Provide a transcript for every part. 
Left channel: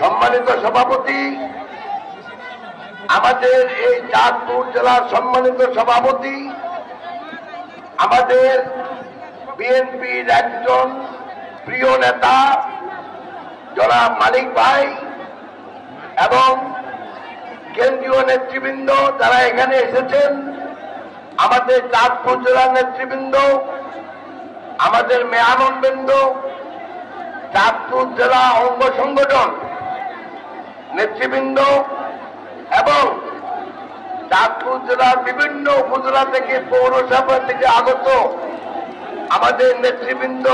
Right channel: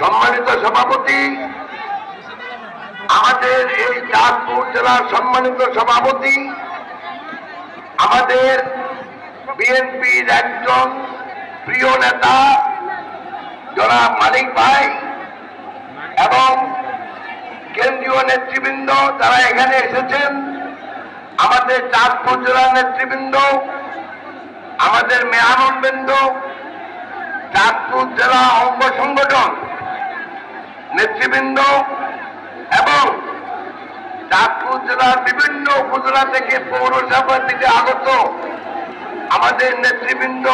সম্মানিত সভাপতি, আমাদের এই চাঁদপুর জেলার সম্মানিত সভাপতি, আমাদের বিএনপির একজন প্রিয় নেতা জনাব মালিক ভাই এবং কেন্দ্রীয় নেতৃবৃন্দ যারা এখানে এসেছেন, আমাদের চাঁদপুর জেলার নেতৃবৃন্দ, আমাদের মেহমানবৃন্দ, চাঁদপুর জেলা অঙ্গ সংগঠন নেতৃবৃন্দ এবং চাঁদপুর জেলার বিভিন্ন উপজেলা থেকে পৌরসভা থেকে আগত আমাদের নেতৃবৃন্দ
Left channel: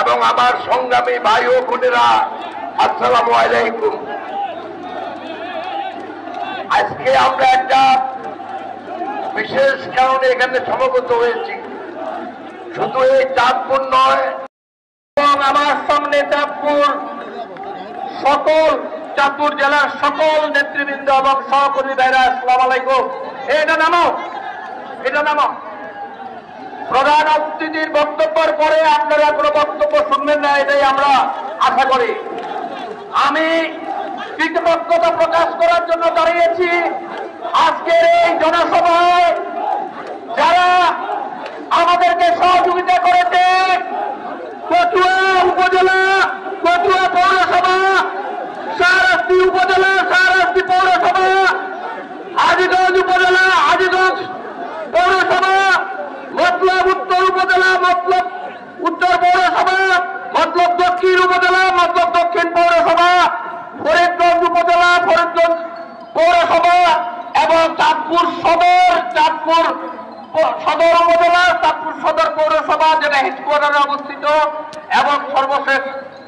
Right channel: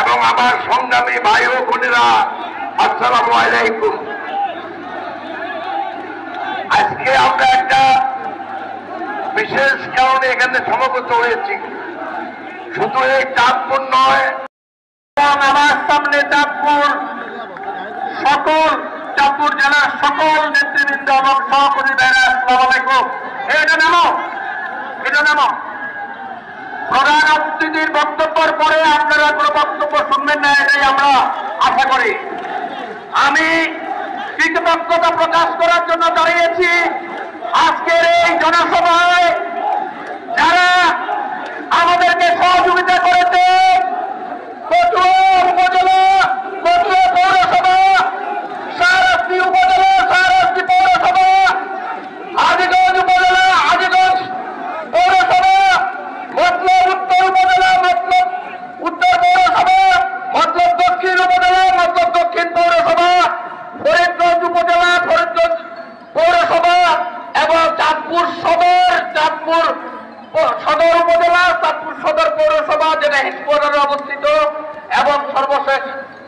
এবং আমার সংগ্রামী ভাই ও বোনেরা, আসসালামু আলাইকুম। আজকে আমরা একটা বিশেষ কারণে এখানে সমবেত হয়েছি। শুধু এই চাঁদপুর নয়, আমার সামনে চাঁদপুর জেলার সকল নেতৃবৃন্দ এবং সহকর্মী ভাইরা, আসসালামু আলাইকুম। এটা নামো। প্রধান অতিথির বক্তব্যের পরে আপনারা কোনো বক্তব্য শুনবেন না, এটাই আমরা আশা করি। আমি কৃতজ্ঞতা প্রকাশ করার জন্য দাঁড়িয়েছি আজকের এই জনসভায় যারা আমাদেরকে সহযোগিতা করেছে। কচুয়া উপজেলা, কচুয়া পৌরসভা, শাহরাস্তি উপজেলা, শাহরাস্তি পৌরসভা, হাজীগঞ্জ উপজেলা, হাজীগঞ্জ পৌরসভা, মতলব উত্তর উপজেলা, মতলব উত্তর পৌরসভা, মতলব দক্ষিণ উপজেলা, মতলব দক্ষিণ পৌরসভা, ফরিদগঞ্জ উপজেলা, ফরিদগঞ্জ পৌরসভা এবং চাঁদপুর সদর উপজেলা, চাঁদপুর সদর পৌরসভা যেটা হেডকোয়ার্টারে অবস্থিত, এবং সর্বশেষ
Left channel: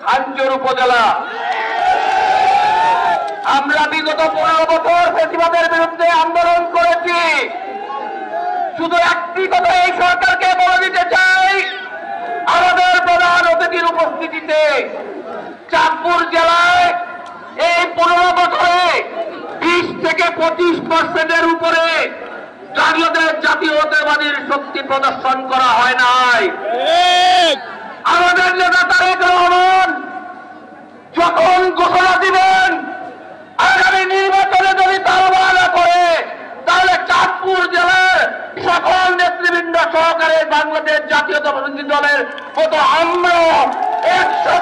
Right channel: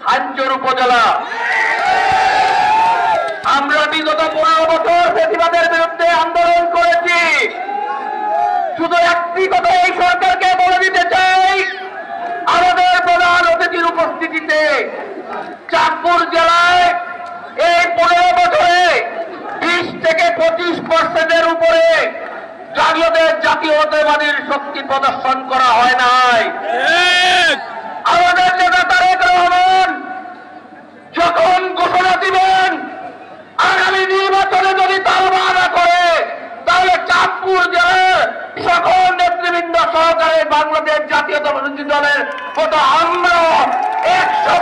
হাঞ্জুর উপজেলা। আমরা বিগত 15 বছর ফ্যাসিবাদের বিরুদ্ধে আন্দোলন করেছি। শুধু একটি কথা এই সরকারকে বলে দিতে চাই, আমাদের প্রধান অতিথির উপস্থিতিতে চাঁদপুর জেলায় এই 15 বছরে 20 থেকে 25% উপরে জাতীয়তাবাদীর শক্তি প্রদর্শন করা হয় নাই। আমাদের নেতা তারেক রহমান যখন ঘোষণা দিবেন আগামী নির্বাচনে যদি তালবা না করে, তাহলে চাঁদপুর জেলার সকল নেতৃবৃন্দ সহকারে বাংলাদেশ জাতীয়তাবাদী দলের কত আমরা 100